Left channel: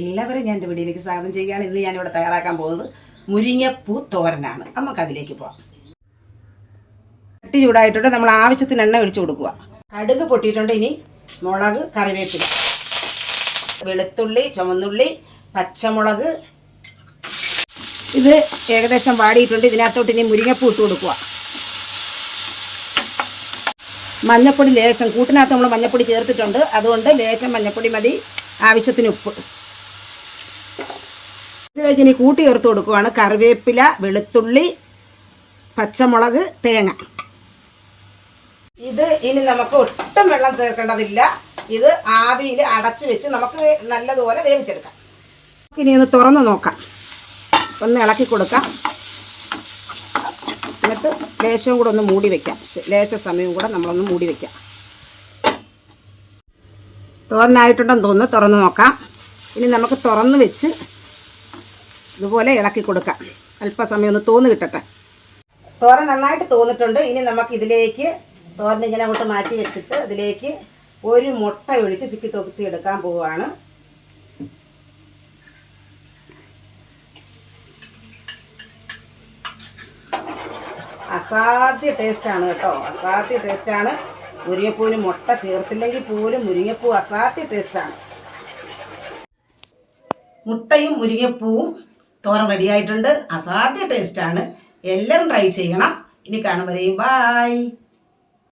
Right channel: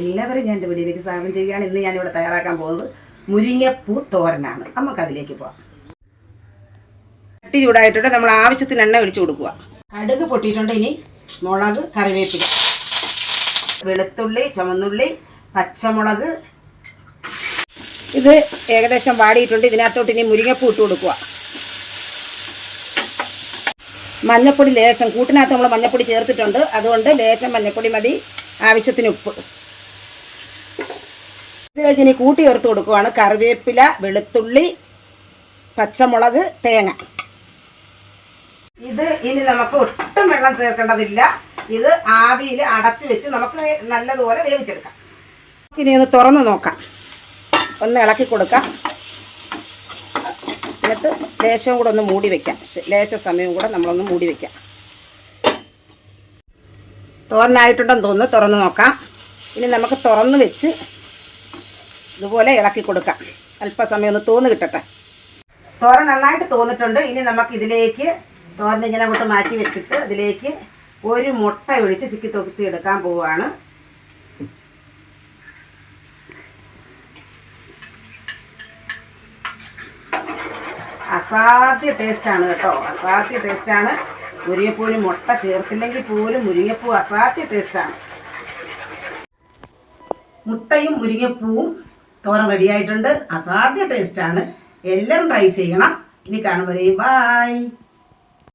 എല്ലാവരും ഞാൻ എന്റെ വീഡിയോയിലേക്ക് സ്വാഗതം ചെയ്യുകയാണ്. ഇന്ന് ഞാനിവിടെ തയ്യാറാക്കാൻ പോകുന്നത് മുരിങ്ങപ്പൂ തോരനാണ്. നമുക്ക് അതിലേക്ക് പോവാം. കട്ടി ചൂടായിട്ടുണ്ട്. നമ്മൾ ആവശ്യത്തിന് എണ്ണ ഒഴിച്ചു കൊടുക്കുക. കടുക് പൊട്ടിയിട്ടുണ്ട് ഇനി. മുളക് കറിവേപ്പില. വെളുത്തുള്ളി ചുമന്നുള്ളി പച്ചമുളക്. ഇത് ഏകദേശം വാടിയിട്ടുണ്ട്. ഇതിനകത്തോട്ട് ഇനി മുരിങ്ങപ്പൂ ഇട്ട് കൊടുക്കുക. മഞ്ഞപ്പൊടി ലേശം. കൂട്ടിനകത്ത് നമ്മൾ മഞ്ഞപ്പൊടി ചേർത്തിട്ടുണ്ട്. അതുകൊണ്ട് ലേശം മഞ്ഞപ്പൊടി മതി. ആവശ്യത്തിന് ഉപ്പ്. ഇതിലേക്ക് ഇനി കൂട്ടി ചേർത്ത് കൊടുക്കുവാണ് കറിവേപ്പില വെളുത്തുള്ളി പച്ചമുളക് തേങ്ങ. ഇത് ഇനി നമുക്ക് ഒട്ടും വെള്ളം ചേർക്കേണ്ടതില്ല. ഇത് ആവിയിൽ അടച്ചു വെച്ച് നമുക്ക് നല്ലതുപോലെ വേവിച്ചെടുക്കാം. ഇനി ഒന്ന് തുറന്ന് നോക്കാം. ഒന്ന് ഇളക്കി കൊടുക്കാം. എന്നിട്ട് ലേശവും കൂടെ ഒന്ന് മൂടി വെക്കാം. ലേശ സമയവും കൂടെ നമ്മളൊന്ന് മൂടി വെക്കാം. തോരനായിട്ടുണ്ടെന്ന് തോന്നുന്നു. തുറന്ന് നോക്കാം. ഇനി നമുക്ക് തുറന്ന് വെച്ച് ഇതുപോലെ ഇളക്കി കൊടുക്കാം. അല്പസമയം ഒന്ന് തോന്ന് കിട്ടട്ടെ. തോരൻ നന്നായിട്ട് തോന്നിട്ടുണ്ട്. ഇനി നമുക്ക് ഇതിലേക്ക് തോരൻ ഇങ്ങനെ അങ്ങോട്ട് മാറ്റി വെച്ചിട്ട് അതിലേക്ക് ഒരു മുട്ട ഒഴിച്ച് ചിക്കി തൊക്കി എടുക്കാൻ പോവുകയാണ് അസാധ്യ ടേസ്റ്റാണ് കേട്ടോ. അസാധ്യ ടേസ്റ്റാണ് മുരിങ്ങപ്പൂവിന് മുട്ട ചേർത്തില്ലെങ്കിൽ പോലും മുരിങ്ങപ്പൂ അസാധ്യ ടേസ്റ്റാണ് മുട്ടയും മുരിങ്ങപ്പൂവും തോരൻ റെഡിയായിട്ടുണ്ട് അസാധ്യ ടേസ്റ്റാണ് എല്ലാവരും ട്രൈ ചെയ്യണം. ഇനി കാണും വരെയും. ബായ്